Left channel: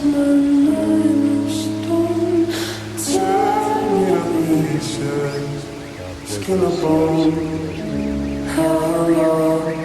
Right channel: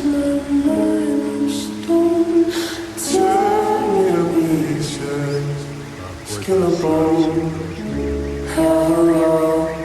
my mind of stone. Tear me to pieces, skin and bone. How long?